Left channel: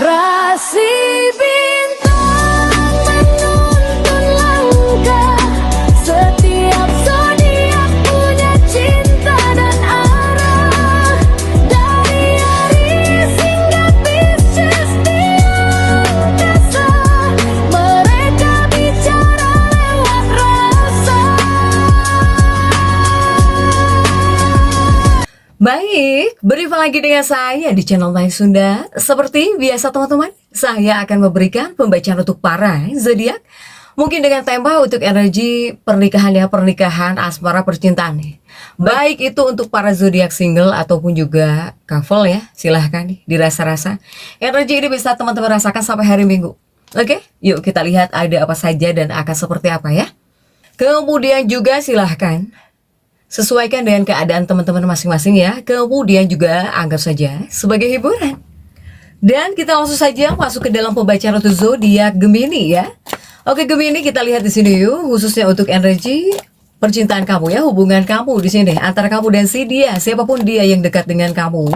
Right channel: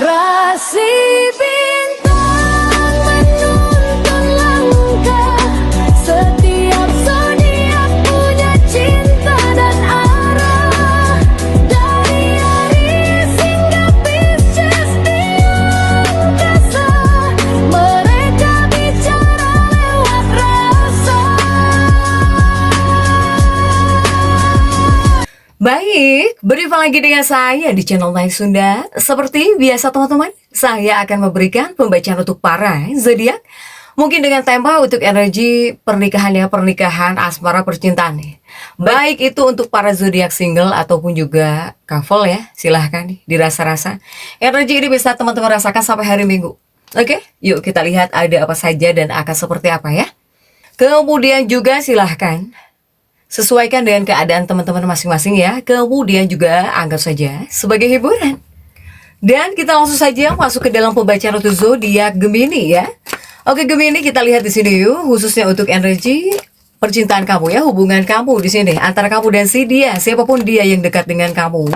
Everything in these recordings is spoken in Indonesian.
Rasi bintang menuntun langkah, setiap zodiak punya cinta dan arah. Dari Aries hingga Pisces di angkasa, mereka bicara lewat rasa. Baik, berjumpa lagi dengan saya di channel Naik Sunda. Seperti biasa teman-teman, saya akan memberikan pembacaan untuk para zodiak. Mungkin dengan tema untuk energi pernikahan asmara percintaan nih. Baik itu untuk para zodiak single ataupun juga couple ya. Silahkan nih dirasa-rasa. Energi ini bisa teman-teman rasakan sampai hari Minggu. Oke, yuk kita lihat ada apa saja dan akan seperti apa ya. Kemudian juga silahkan sesuaikan dengan keadaan teman-teman masing-masing ya. Kemudian juga anggap saja sebagai hiburan. Dan kita langsung saja masuk ke dalam pembacaan untuk zodiak Gemini ya. Oke Gemini, kita lihat di sini yuk, khususnya untuk energi percintaan kamu ya, hubungan kamu di sini antara kamu dan si dia, siapapun dia yang dekat dengan kamu,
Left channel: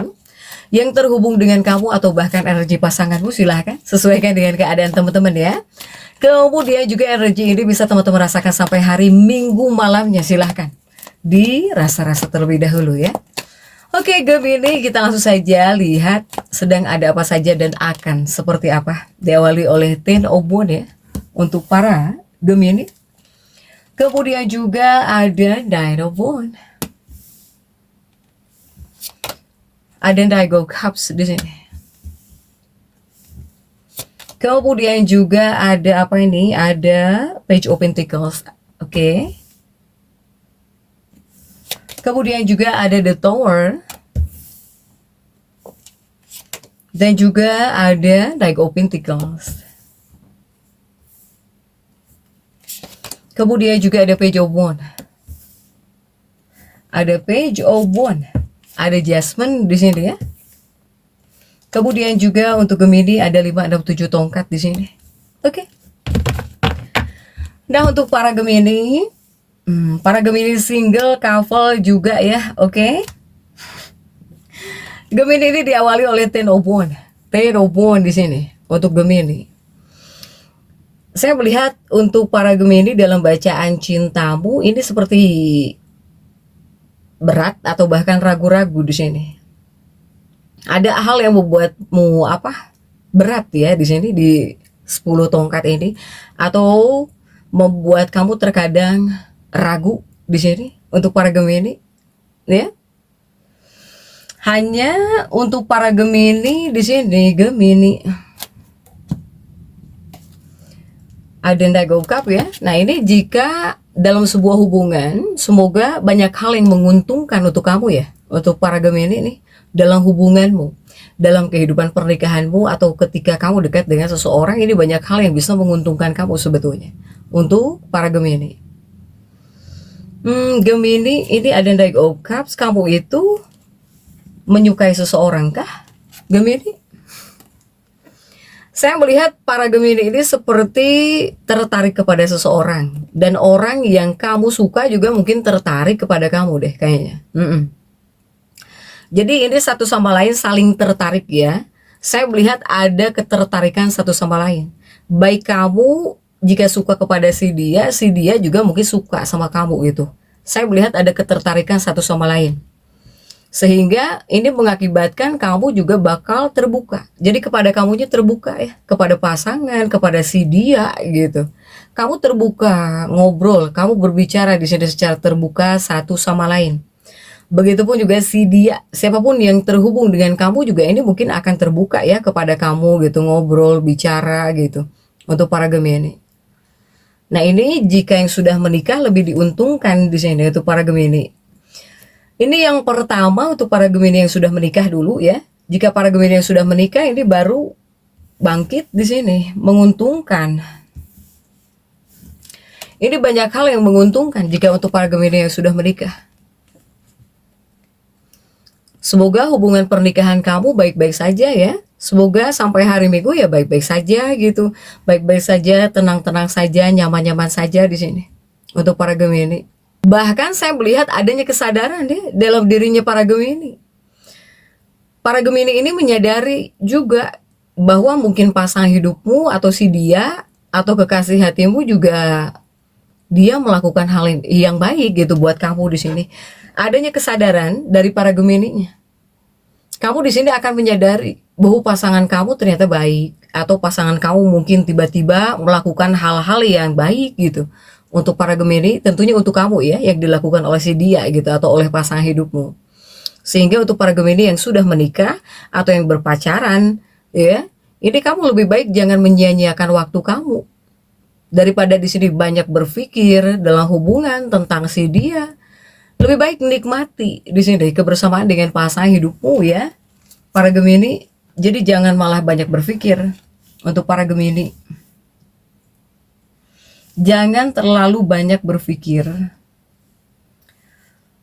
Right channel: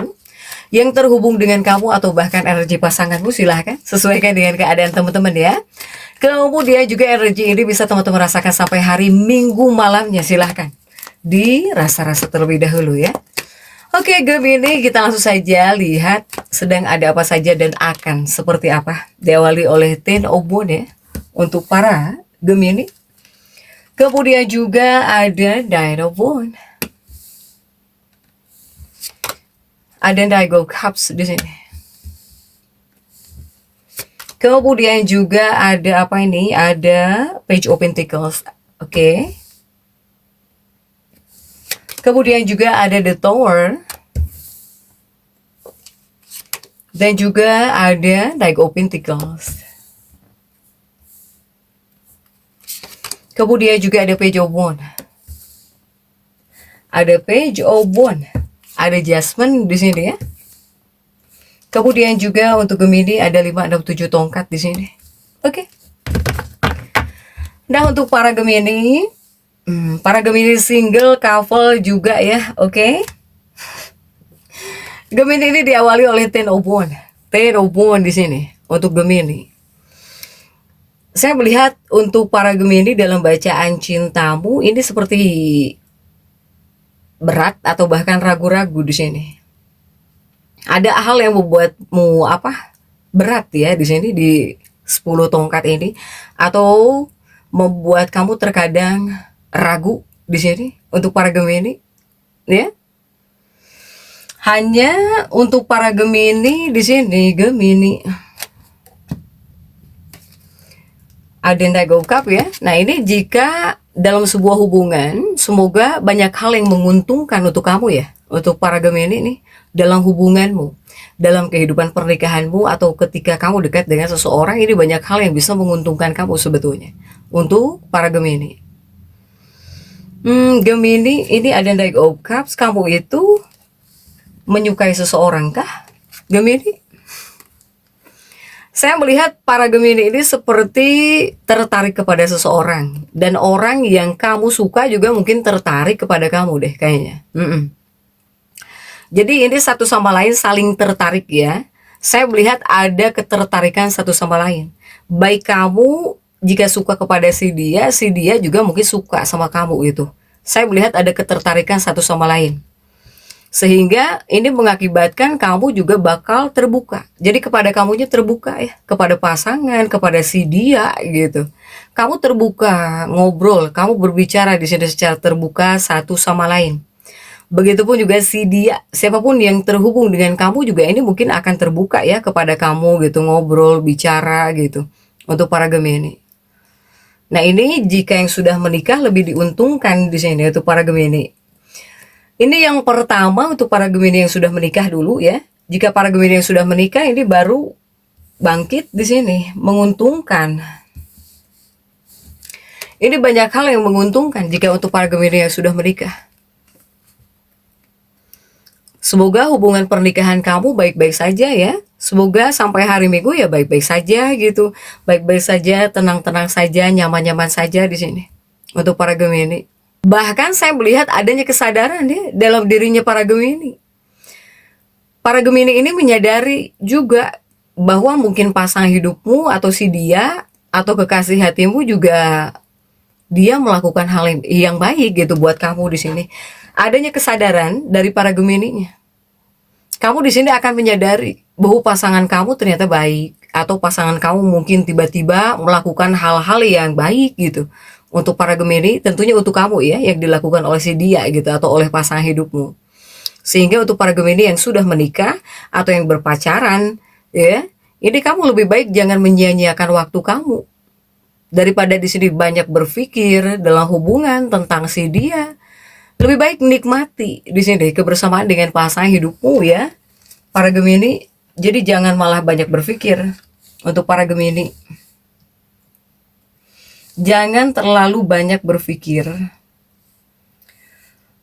yang terhubung dengan kamu atau bahkan energi pasanganmu, silahkan sesuaikan dengan keadaan teman-teman ya. Kemudian juga energi ini bisa teman-teman rasakan sampai hari Minggu malamnya, silahkan dirasa-rasa terlebih dahulu ya. Oke Gemini, kita langsung saja lihat sedang ada apa saja dan akan seperti apa. Diawali oleh Ten of Wands ya untuk para Gemini. Kemudian juga ada Nine of Wands. Ada Nine of Cups di sini. Kemudian juga ada apa ini? Ada Page of Pentacles. Oke. Kemudian juga ada The Tower. Dan juga ada Knight of Pentacles. Kemudian juga ada Page of Wands. Ada Page of Wands. Ada Jasmine di sini ya. Kemudian juga untuk Gemini ada 5, 6, 7 tongkat di sini. Oke. Nah untuk para Gemini, para Gemini single, couple juga ya, oke. Gemini ini diawali oleh Ten of Wands. Ten of Wands di sini untuk Gemini. Saya melihat untuk para Gemini dalam bacaan cintamu ini seperti berat atau bahkan ragu-ragu di sini. Ada hal yang membuatmu berat ya di sini di 10 tongkat ini, atau membuat kamu terkadang ragu di sini untuk para Gemini ya. Hanya untuk para Gemini di sini, Gemini ada Knight of Cups ya. Nah ini jika dalam sebuah hubungan, semoga banyak hal yang menguntungkan untuk kamu ya, untuk para Gemini nih dalam hubunganmu, dalam kehidupan pernikahanmu, atau ketika kamu dekat dengan seseorang, ini banyak hal yang bisa menguntungkan kamu sebetulnya untuk para Gemini. Gemini ini ada Knight of Cups. Kamu itu menyukai seseorang kah, Gemini? Saya melihat para Gemini ini seperti tertarik kepada seseorang, dan orang yang kamu suka juga mungkin tertarik kepada kamu deh kayaknya. Jadi ini satu sama lain saling tertarik ya. Saya melihat ada ketertarikan satu sama lain. Baik kamu jika suka kepada si dia juga mungkin suka sama kamu gitu. Saya melihat ada ketertarikan satu sama lain. Sehingga ini mengakibatkan kamu juga bakal terbuka. Jadi kepada kamunya terbuka ya, kepada pasangan, kepada si dia gitu. Kamu terbuka, ngobrol, kamu berbicara di sini secara terbuka satu sama lain. Begitupun juga si dia, siapapun yang terhubung dengan kamu juga ini mungkin akan terbuka ya kepada kamu gitu, ngobrol, bicara gitu. Untuk para Gemini. Nah ini jika yang sudah menikah lebih diuntungkan di sini untuk para Gemini. Ini yang pertama untuk para Gemini yang sudah menikah dulu ya. Jika para Gemini yang sudah menikah ini baru bangkit di sini, menguntungkan. Ini banyak hal yang menguntungkan jika untuk para Gemini yang sudah menikah. Semoga hubungan pernikahan kamu baik-baik saja ya. Semoga sampai hari Minggu ya baik-baik saja gitu. Baik-baik saja, tenang-tenang saja, nyaman-nyaman saja di sini. Untuk para Gemini. Bahkan saya melihat adanya kesadaran ya dalam dirinya para Gemini. Para Gemini ini menyadari juga bahwa mungkin pasangan hidupmu atau si dia atau kekasih hatimu juga dia melakukan hal yang baik gitu buat kamu di sini. Adanya kesadaran dari para Gemininya. Kamu di sini akan menyadari bahwa pasangan kamu ternyata baik, atau pasangan kamu mungkin tiba-tiba melakukan hal-hal yang baik gitu. Untuk para Gemini, tentunya untuk kamu ya, yang dilakukan oleh si dia gitu, atau oleh pasangan hidupmu. Sehingga untuk para Gemini yang sudah menikah atau yang berpacaran, ya, ini kamu lebih baik jangan menyia-nyiakan waktu kamu. Daripada di sini banyak berpikir dalam hubungan tentang si dia, lebih baik nikmati di sini kebersamaan dengan pasangan hidupmu ya, para Gemini. Jadi jangan malah banyak berpikir untuk para Gemini. Jangan terlalu banyak berpikir.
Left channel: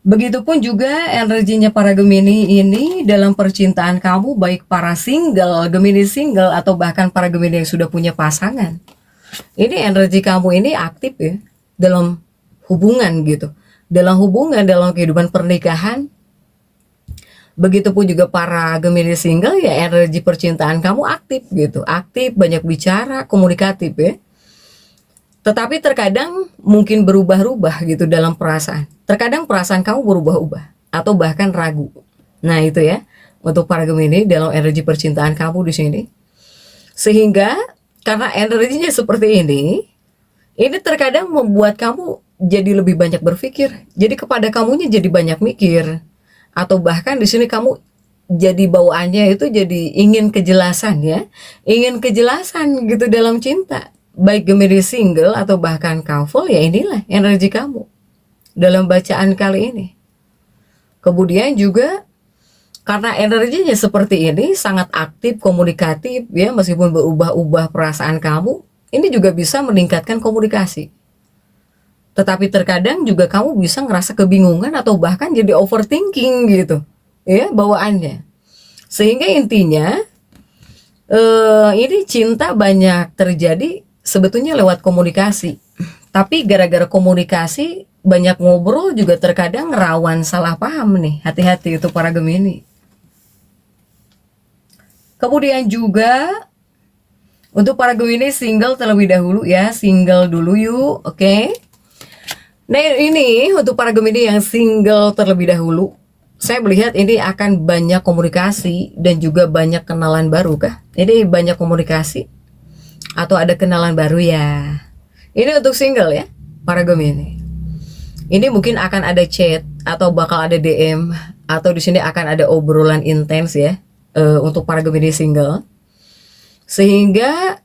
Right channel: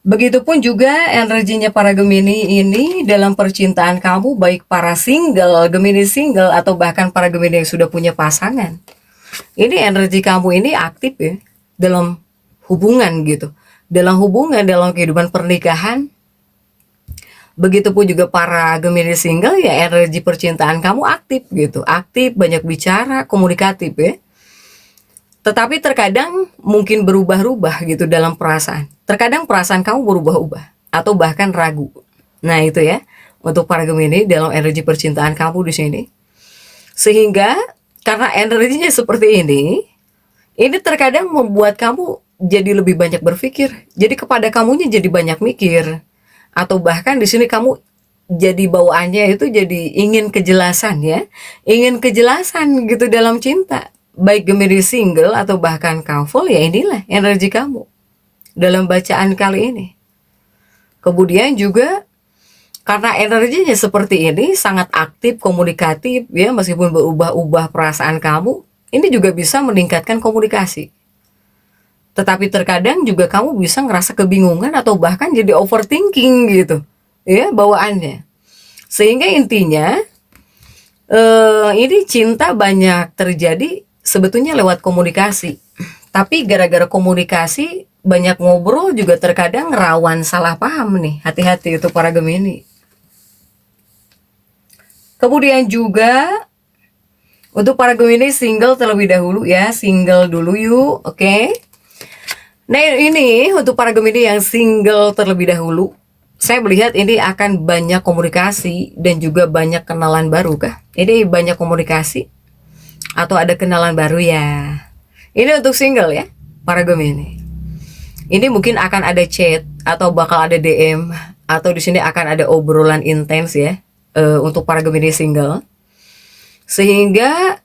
Begitupun juga energinya para Gemini ini dalam percintaan kamu, baik para single, Gemini single, atau bahkan para Gemini yang sudah punya pasangan. Ini energi kamu ini aktif ya dalam hubungan gitu. Dalam hubungan, dalam kehidupan pernikahan. Begitupun juga para Gemini single ya, energi percintaan kamu aktif gitu. Aktif, banyak bicara, komunikatif ya. Tetapi terkadang mungkin berubah-ubah gitu dalam perasaan. Terkadang perasaan kamu berubah-ubah atau bahkan ragu. Nah, itu ya untuk para Gemini dalam energi percintaan kamu di sini. Sehingga karena energinya seperti ini terkadang membuat kamu jadi lebih banyak berpikir. Jadi kepada kamunya jadi banyak mikir. Atau bahkan di sini kamu jadi bawaannya itu jadi ingin kejelasan ya. Ingin kejelasan gitu dalam cinta. Baik Gemini single atau bahkan couple, ya inilah energi kamu dalam bacaan kali ini. Kemudian juga karena energinya seperti ini, sangat aktif, komunikatif ya, meskipun berubah-ubah perasaan kamu, ini juga bisa meningkatkan komunikasi. Tetapi terkadang juga kamu bisa ngerasa kebingungan atau bahkan jadi overthinking gitu ya bawaannya. Sehingga intinya ini cinta banyak terjadi sebetulnya lewat komunikasi. Tapi gara-gara komunikasi banyak ngobrol juga terkadang rawan salah paham nih. Hati-hati itu para Gemini. Kemudian juga untuk para Gemini single terlebih dahulu ya, single dulu yuk, oke. Nah ini untuk para Gemini yang single terlebih dahulu, saya melihat ini akan banyak komunikasi dan juga banyak kenalan baru kah? Ini banyak komunikasi atau ada kenalan baru ya. Ini untuk single ya, para Gemini. Ini mungkin akan ada chat atau bakal ada DM atau di sini akan ada obrolan intens ya. Untuk para Gemini single, sehingga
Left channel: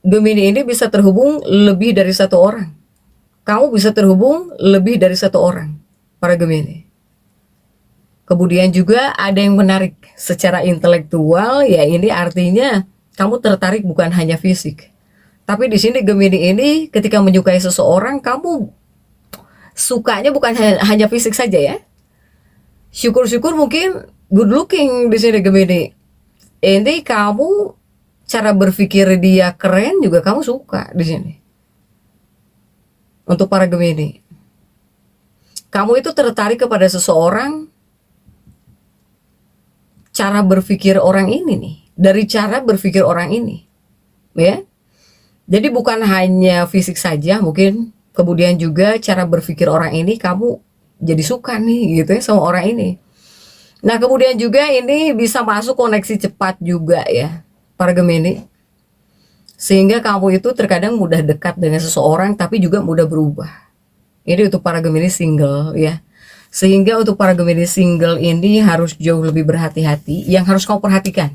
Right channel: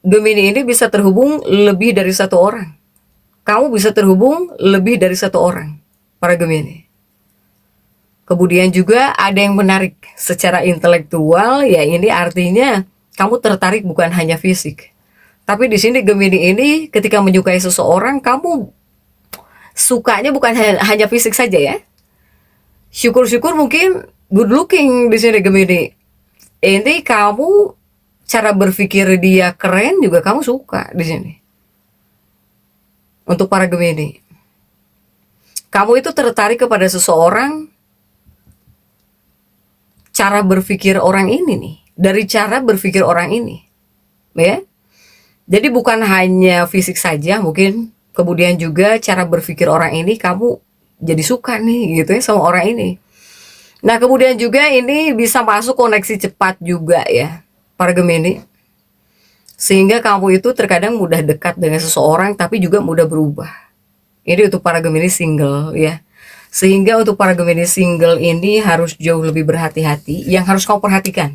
Gemini ini bisa terhubung lebih dari satu orang. Kamu bisa terhubung lebih dari satu orang, para Gemini. Kemudian juga ada yang menarik secara intelektual, ya ini artinya kamu tertarik bukan hanya fisik. Tapi di sini Gemini ini ketika menyukai seseorang, kamu sukanya bukan hanya fisik saja ya. Syukur-syukur mungkin good looking di sini Gemini. Ini kamu cara berpikir dia keren juga kamu suka di sini. Untuk para Gemini, kamu itu tertarik kepada seseorang, cara berpikir orang ini nih, dari cara berpikir orang ini, ya. Jadi bukan hanya fisik saja mungkin, kemudian juga cara berpikir orang ini kamu jadi suka nih gitu ya sama orang ini. Nah kemudian juga ini bisa masuk koneksi cepat juga ya para Gemini. Sehingga kamu itu terkadang mudah dekat dengan seseorang tapi juga mudah berubah. Ini untuk para Gemini single ya. Sehingga untuk para Gemini single ini harus jauh lebih berhati-hati. Yang harus kamu perhatikan.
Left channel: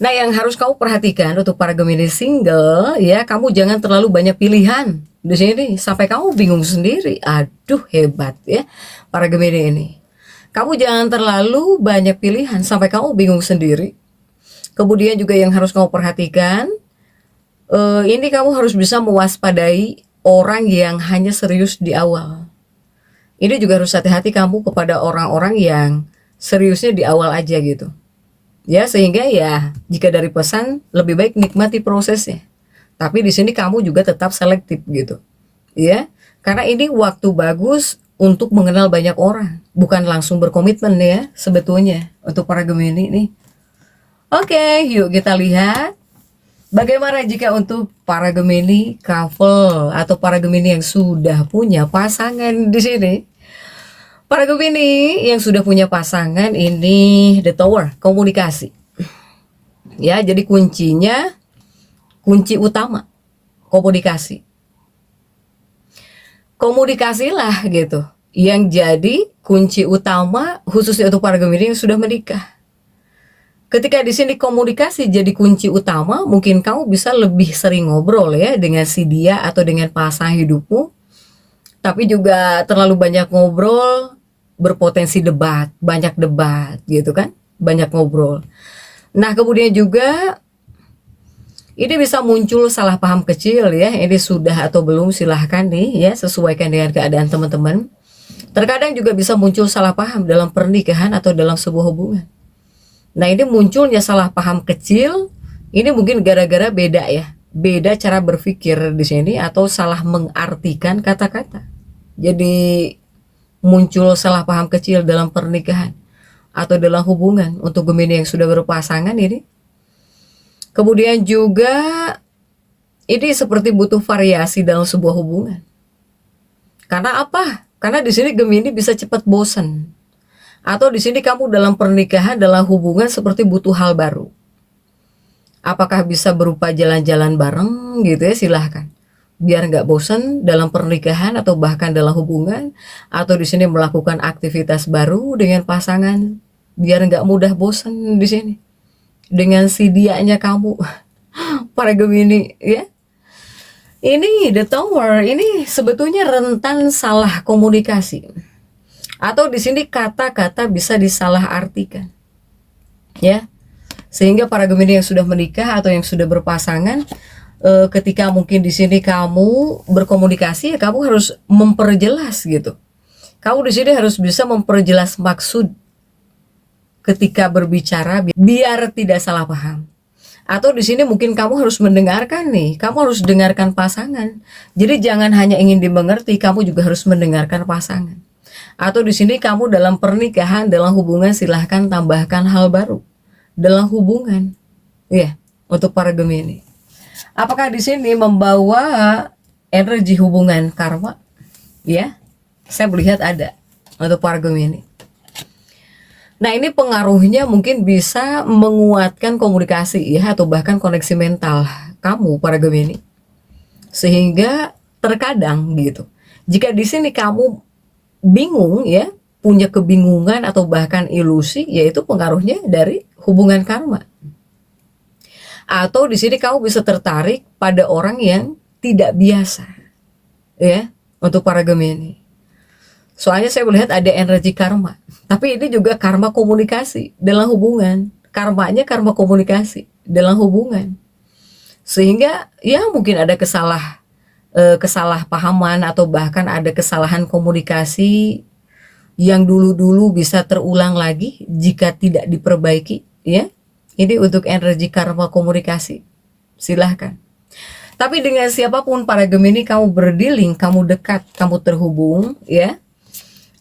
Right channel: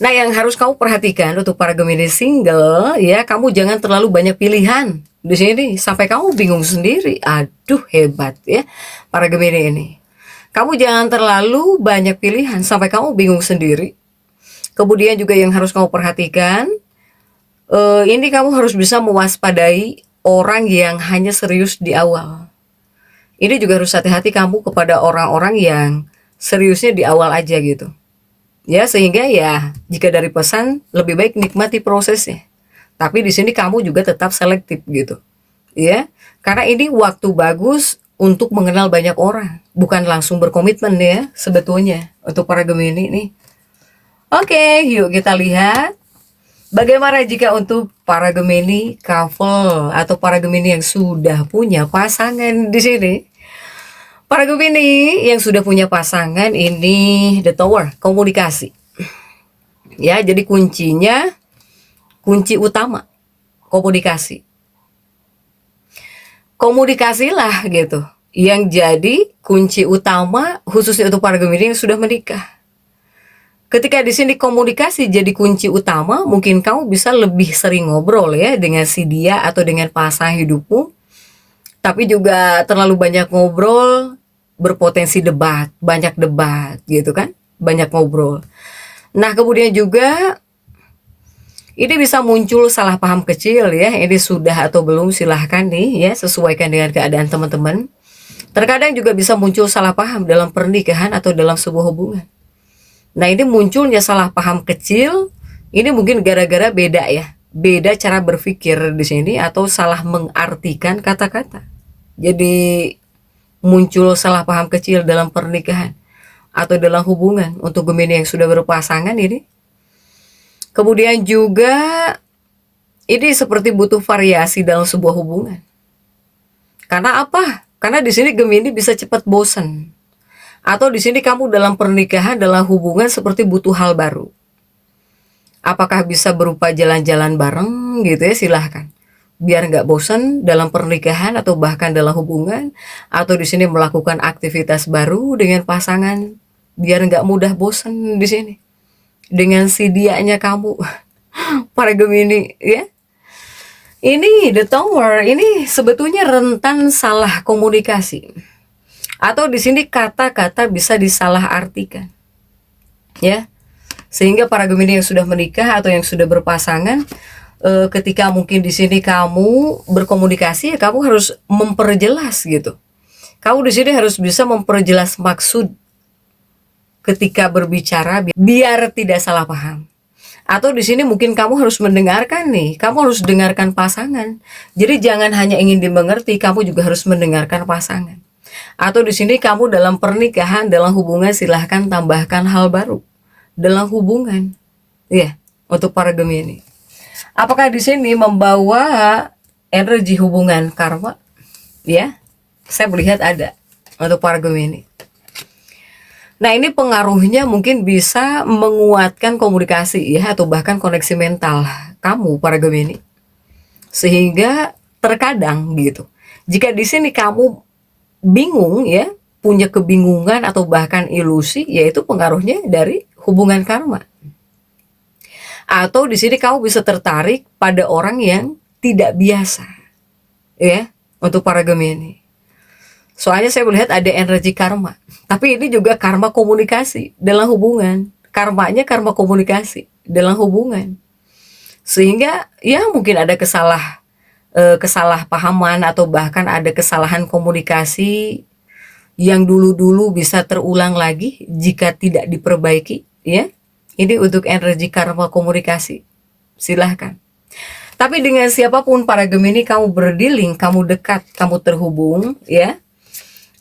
Nah yang harus kamu perhatikan untuk para Gemini single ya, kamu jangan terlalu banyak pilihan di sini sampai kamu bingung sendiri. Aduh hebat ya para Gemini ini. Kamu jangan terlalu banyak pilihan sampai kamu bingung sendiri. Kemudian juga yang harus kamu perhatikan, ini kamu harus bisa mewaspadai orang yang hanya serius di awal. Ini juga harus hati-hati kamu kepada orang-orang yang seriusnya di awal aja gitu. Ya sehingga ya jika dari pesan lebih baik nikmati prosesnya. Tapi di sini kamu juga tetap selektif gitu. Ya, karena ini waktu bagus untuk mengenal banyak orang, bukan langsung berkomitmen ya sebetulnya untuk para Gemini nih. Oke, yuk kita lihat bagaimana jika untuk para Gemini couple atau para Gemini yang sudah punya pasangan di sini. Para Gemini yang sudah punya pasangan ini The Tower, komunikasi. Ya, jadi kunci utama komunikasi. Komunikasilah gitu yang jadi kunci utama khususnya untuk para Gemini yang sudah menikah. Ketika di sini komunikasi jadi kunci utama, mungkin kamu bisa lebih sering ngobrol ya dengan si dia atau dengan pasangan hidupmu. Tapi juga terlalu banyak ngobrol berpotensi debat, banyak debat gitu kan, banyak ngobrol. Nah, kemudian juga ini bisa muncul salah paham kecil ya. Ini sudah atau belum silahkan nih ya, sesuaikan dengan keadaan teman-teman. Terkadang juga bisa muncul salah paham dalam pernikahan atau dalam sebuah hubungan. Nah, ini munculnya salah paham kecil, ini mungkin gara-gara beda ya. Beda cara berpikir di sini atau salah mengartikan kata-kata. Jadi muncul salah paham kecil dalam pernikahan atau dalam hubungan untuk Gemini yang sudah berpasangan ini. Kemudian juga ini seperti butuh variasi dalam sebuah hubungan. Karena apa? Karena di sini Gemini bisa cepat bosan. Atau di sini kamu dalam pernikahan, dalam hubungan seperti butuh hal baru. Apakah bisa berupa jalan-jalan bareng gitu ya, silahkan. Biar nggak bosan dalam pernikahan atau bahkan dalam hubungan. Atau di sini melakukan aktivitas baru dengan pasangan. Biar nggak mudah bosan di sini. Dengan si dianya kamu, para Gemini ya. Ini The Tower, ini sebetulnya rentan salah komunikasi. Atau di sini kata-kata bisa disalahartikan. Ya. Sehingga para Gemini yang sudah menikah atau yang sudah berpasangan, ketika mungkin di sini kamu berkomunikasi ya kamu harus memperjelas gitu. Kamu di sini harus bisa memperjelas maksud ketika berbicara biar tidak salah paham. Atau di sini mungkin kamu harus mendengarkan nih, kamu harus dengarkan pasangan. Jadi jangan hanya ingin dimengerti, kamu juga harus mendengarkan pasangan. Atau di sini kamu dalam pernikahan, dalam hubungan silahkan tambahkan hal baru dalam hubungan. Ya, untuk para Gemini. Apakah di sini membawa energi hubungan karma? Ya, saya melihat ada untuk para Gemini. Nah, ini pengaruhnya mungkin bisa menguatkan komunikasi ya atau bahkan koneksi mental kamu para Gemini. Sehingga terkadang gitu. Jika di sini kamu bingung ya, punya kebingungan atau bahkan ilusi, yaitu pengaruhnya dari hubungan karma. Atau di sini kamu bisa tertarik pada orang yang tidak biasa. Ya, untuk para Gemini. Soalnya saya melihat ada energi karma. Tapi ini juga karma komunikasi dalam hubungan. Karmanya karma komunikasi dalam hubungan. Sehingga ya mungkin ada kesalahpahaman atau bahkan ada kesalahan komunikasi yang dulu-dulu bisa terulang lagi jika tidak diperbaiki. Ya, ini untuk energi karma komunikasi. Silahkan. Tapi dengan siapapun para Gemini kamu berdealing, kamu dekat, kamu terhubung ya.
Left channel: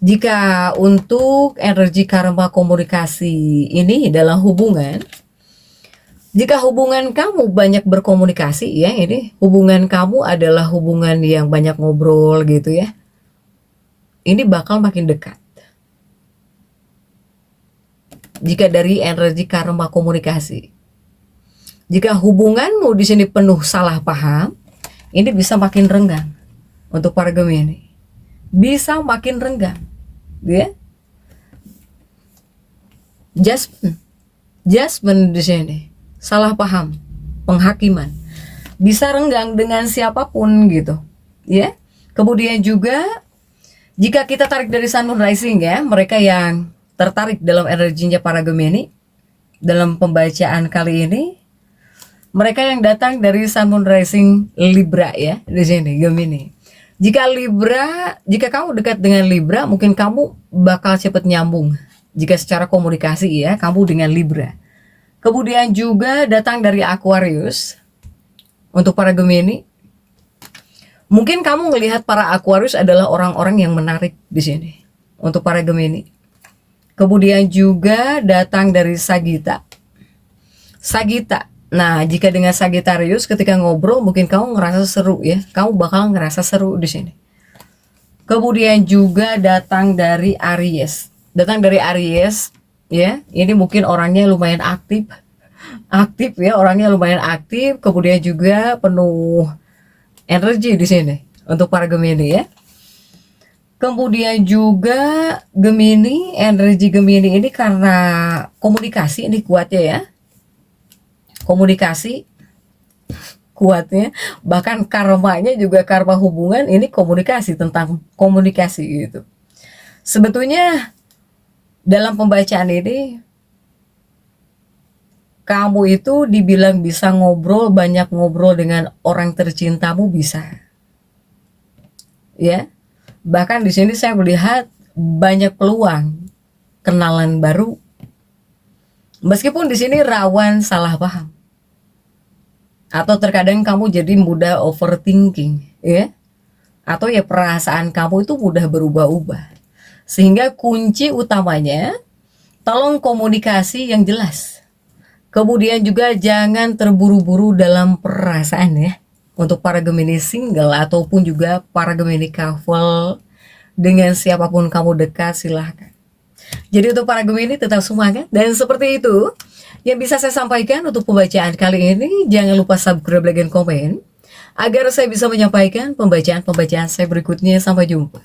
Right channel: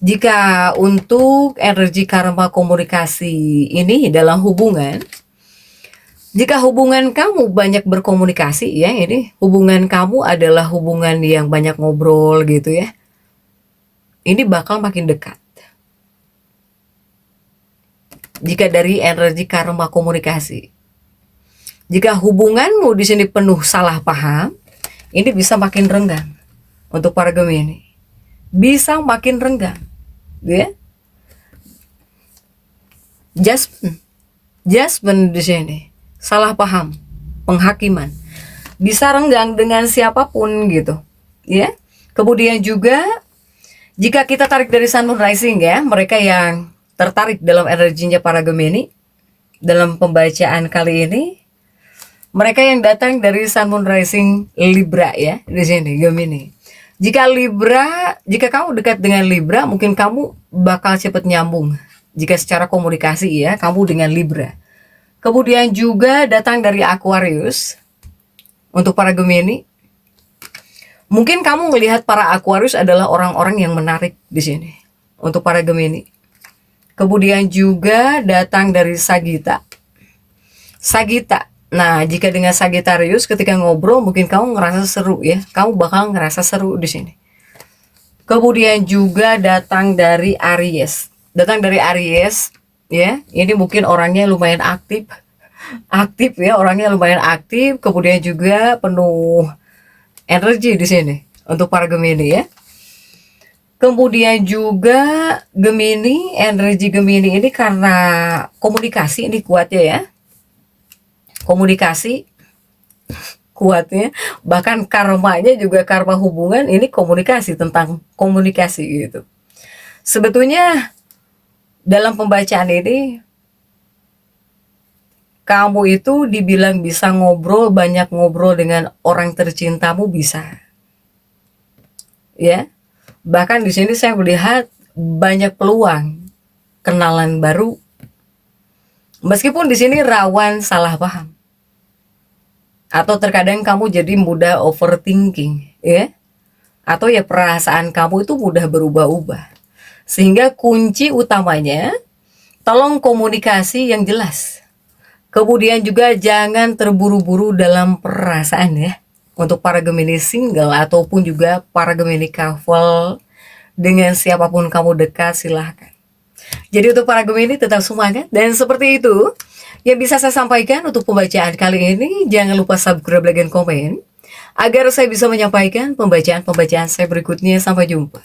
Jika untuk energi karma komunikasi ini dalam hubungan, jika hubungan kamu banyak berkomunikasi ya, ini hubungan kamu adalah hubungan yang banyak ngobrol gitu ya, ini bakal makin dekat. Jika dari energi karma komunikasi, jika hubunganmu di sini penuh salah paham, ini bisa makin renggang untuk para Gemini, bisa makin renggang. Ya, judgment di sini, salah paham, penghakiman, bisa renggang dengan siapapun gitu, ya. Kemudian juga jika kita tarik dari Sun Moon Rising ya, mereka yang tertarik dalam energinya para Gemini dalam pembacaan kali ini, mereka yang datang dari Sun Moon Rising Libra ya di sini Gemini. Jika kamu dekat dengan Libra, mungkin kamu bakal cepat nyambung. Jika secara komunikasi ya, kamu dengan Libra. Kemudian juga datang dari Aquarius. Untuk para Gemini, mungkin kamu melihat para Aquarius adalah orang-orang yang menarik di sini. Untuk para Gemini. Kemudian juga datang dari Sagitta. Sagita. Nah, jika dengan Sagittarius ketika ngobrol mungkin kamu ngerasa seru ya. Kamu bakal ngerasa seru di sini. Kemudian juga datang dari Aries. Datang dari Aries ya. Ini mungkin orangnya lumayan aktif. Aktif ya, orangnya lumayan aktif, kemudian juga penuh energi di sini untuk para Gemini ya. Kemudian juga Gemini, energi Gemini ini karena komunikasi ini kuatnya ya. Komunikasi kuatnya, bahkan karmanya juga karma hubungan ini komunikasi, tentang komunikasi gitu. Sebetulnya dalam pembacaan ini kamu itu dibilang bisa ngobrol, banyak ngobrol dengan orang tercintamu bisa. Ya. Bahkan di sini saya melihat banyak peluang kenalan baru. Meskipun di sini rawan salah paham. Atau terkadang kamu jadi mudah overthinking, ya. Atau ya perasaan kamu itu mudah berubah-ubah. Sehingga kunci utamanya tolong komunikasi yang jelas. Kemudian juga jangan terburu-buru dalam perasaan ya. Untuk para Gemini single ataupun juga para Gemini couple, dengan siapapun kamu dekat silahkan. Jadi untuk para Gemini tetap semangat. Dan seperti itu yang bisa saya sampaikan untuk pembacaan kali ini. Jangan lupa subscribe, like, dan komen agar saya bisa menyampaikan pembacaan-pembacaan saya berikutnya. Sampai jumpa.